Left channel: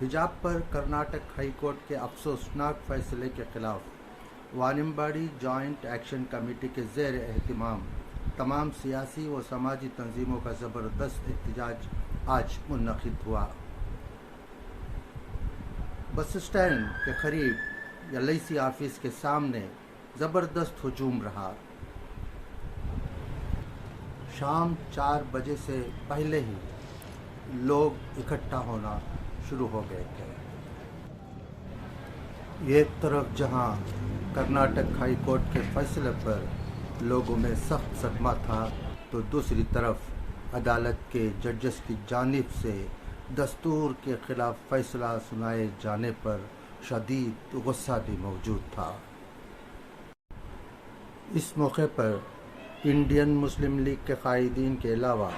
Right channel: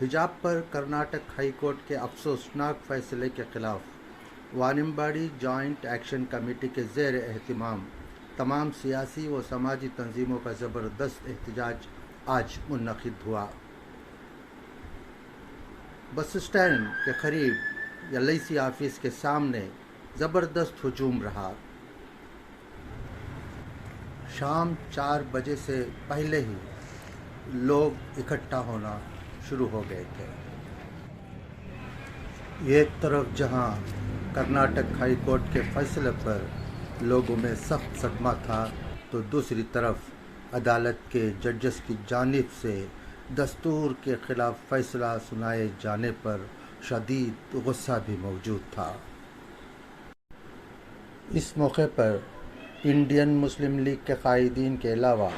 हिजाब पर Karnataka high court के अफसोसनाक फैसले के खिलाफ वानिम्बाड़ी जॉइंट एक्शन कमेटी के ज़ेर एहतमाम तमाम सियासी व समाजी तंजीमों का ज़बरदस्त एहतजाज आज मुनक़िद हुआ। बस स्टैंड के करीब एलआईसी ऑफिस के सामने ज़बरदस्त हुजूम रहा। शाम 4 बजे से पहले ही लोग इकट्ठा होना शुरू हो गए थे। एक तरफ जहां कर्नाटक हाई कोर्ट के फैसले पर लोगों में सख्त सदमा था, तो दूसरी तरफ अदालत के जजेस की जानिब से दस्तूर के खिलाफ फैसला सुनाए जाने पर शदीद गुस्सा भी मौजूद था। इस मौके पर इंडियन मुस्लिम लीग के कायदीन के अलावा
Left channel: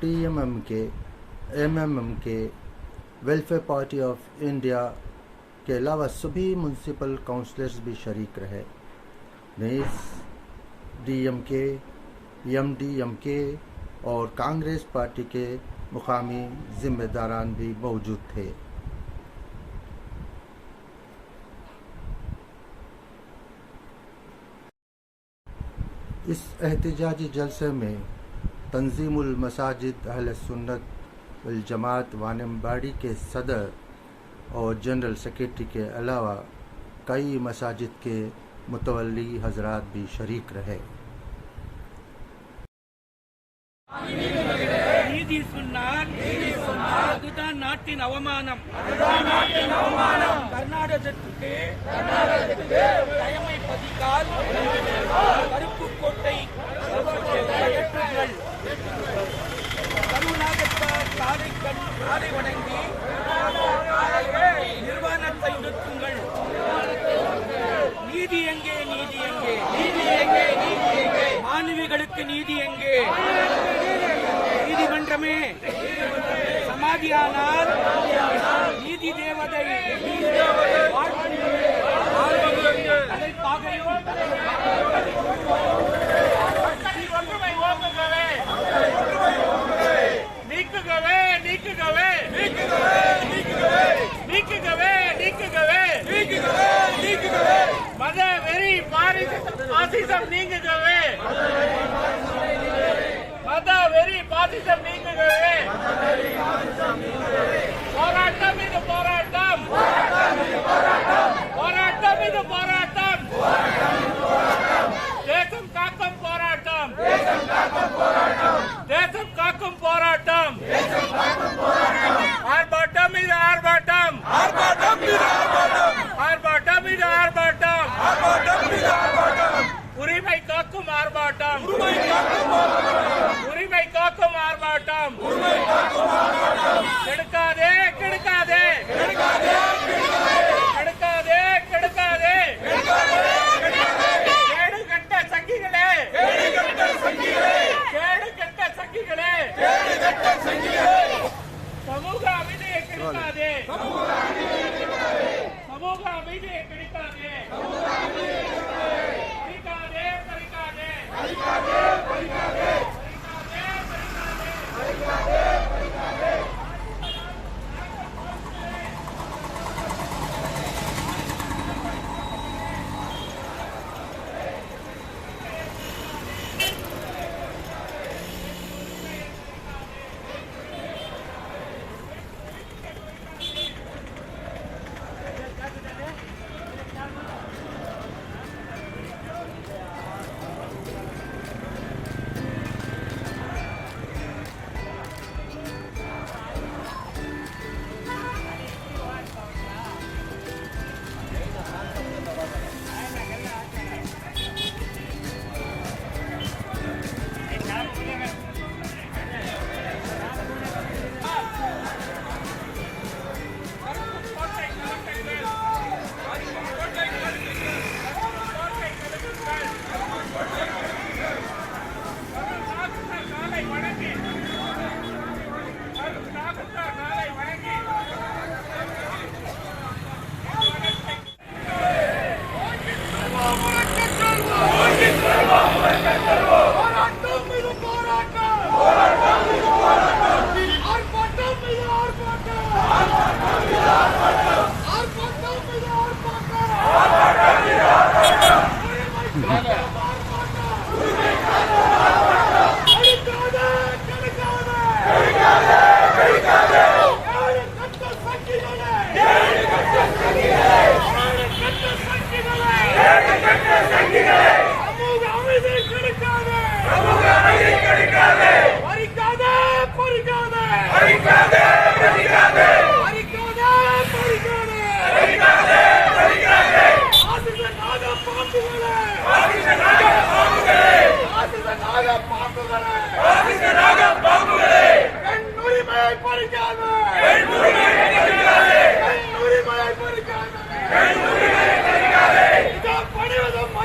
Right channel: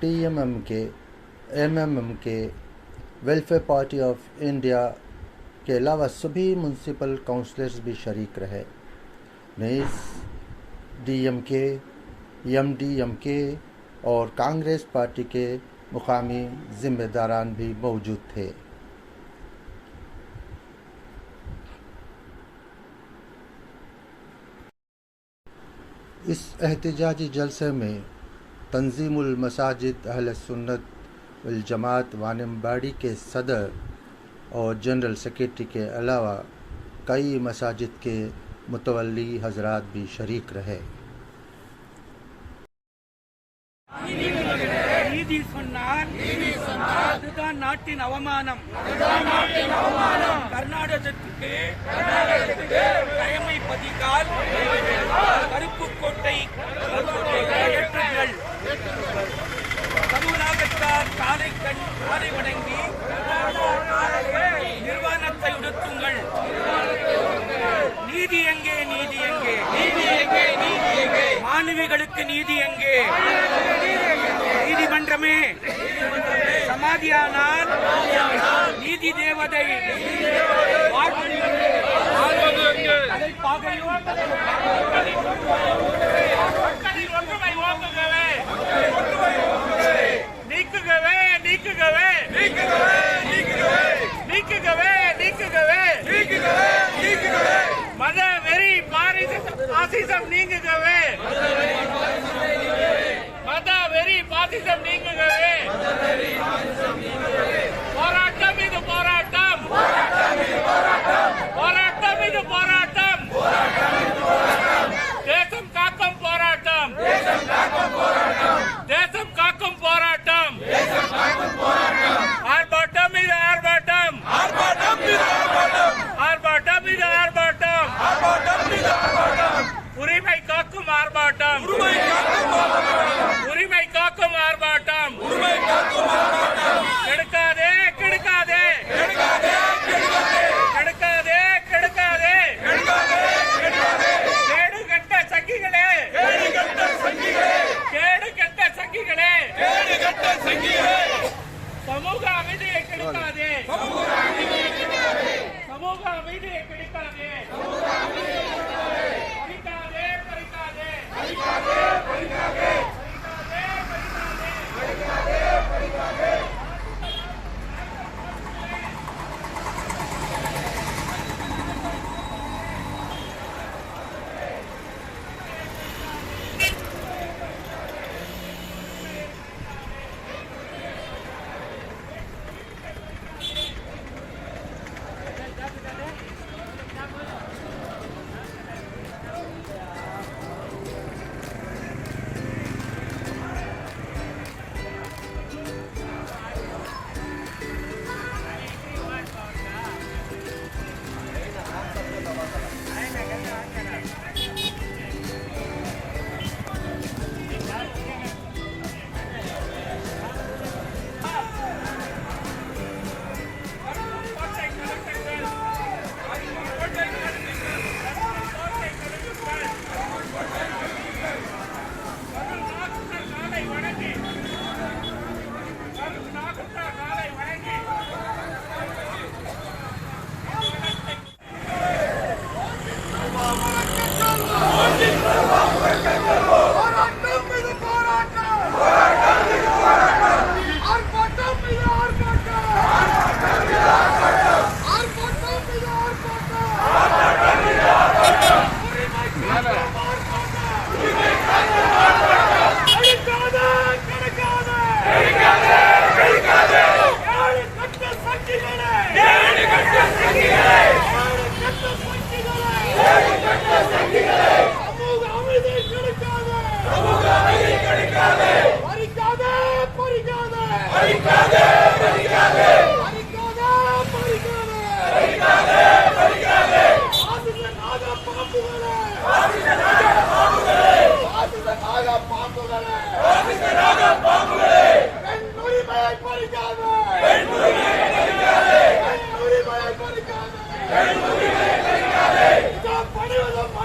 टीएमएम के, एमएमएम के, वेलफेयर पार्टी ऑफ इंडिया के अलावा सभी म्यूनसिपल काउंसलर्स भी शरीक रहे। नेज़ डीएमके, एमडीएमके और कांग्रेस पार्टी के मुकामी जिम्मेदारान भी मौजूद थे। इस एहतजाजी जलसे में तंजीमुल मसाजिद अहले सुन्नत वल जमात वानिम्बाड़ी के सदर और जनरल सेक्रेटरी के अलावा कई मसाजिद के मुतवल्ली हजरात भी शरीक रहे। நீதி சொன்னார் அதுதான் நாட்டின் அவமானம். கர்நாடகத்துக்கு கயமை பதிக்கால் கருப்பு கோட்டை அகற்றுங்கள். கருணாகத்தார் காலை வணங்கி நிர்வாணத்தை உடுத்துங்கள். நீதி எங்கே, நீதி எங்கே, நீதி எங்கே, நீதி எங்கே, மாணவிகளுக்கு நீதி எங்கே? நீதிமன்றமே சமாதியானால் நீதி தேவதை மக்களின் ஒன்றுமை ஓங்குகவே, நீக்குகவே, நீக்குகவே, நீக்குகவே, நீக்குகவே, நீக்குகவே, மத வெறி பாசிசம் நீங்குகவே, மத வெறி பாசிசம் நீங்குகவே. போராட்டம் இது போராட்டம், போராட்டம் இது போராட்டம், தேசம் காக்கும் போராட்டம், தேசம் காக்கும் போராட்டம், ஆர்ப்பாட்டம் இது ஆர்ப்பாட்டம், ஆர்ப்பாட்டம் இது ஆர்ப்பாட்டம், உரிமை காக்கும் ஆர்ப்பாட்டம், உரிமை காக்கும் ஆர்ப்பாட்டம், கெடுக்காதே, கெடுக்காதே, கெடுக்காதே, கெடுக்காதே, கேடு கட்ட சங்கிகளே, கேடு கட்ட சங்கிகளே, சமூக அமைதியை கெடுக்காதே, சமூக அமைதியை கெடுக்காதே,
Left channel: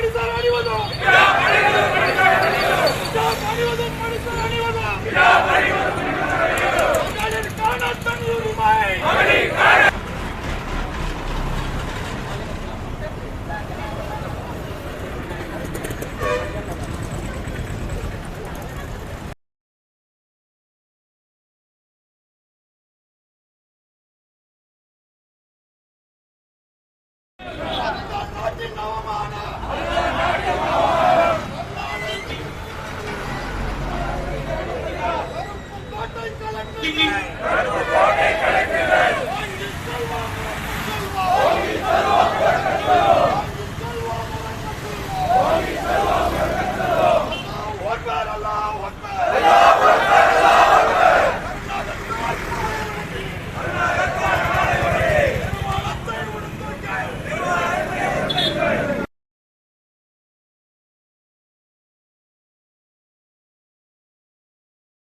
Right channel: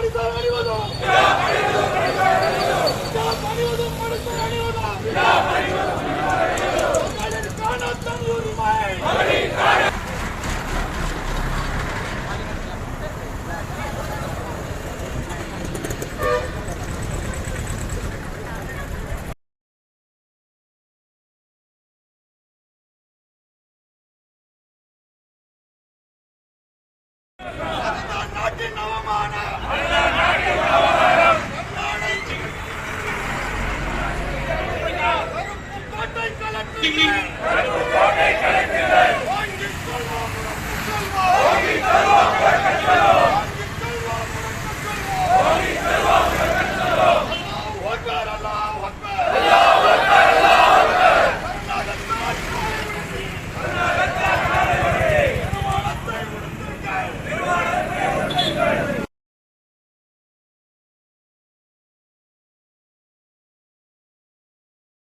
மனிதர் அணிவதும் அணிவதும் மனிதர் அணிவதும் மகளிருக்கான தனி உரிமை நாட்டின் அவமானம் கோட்டை கலந்து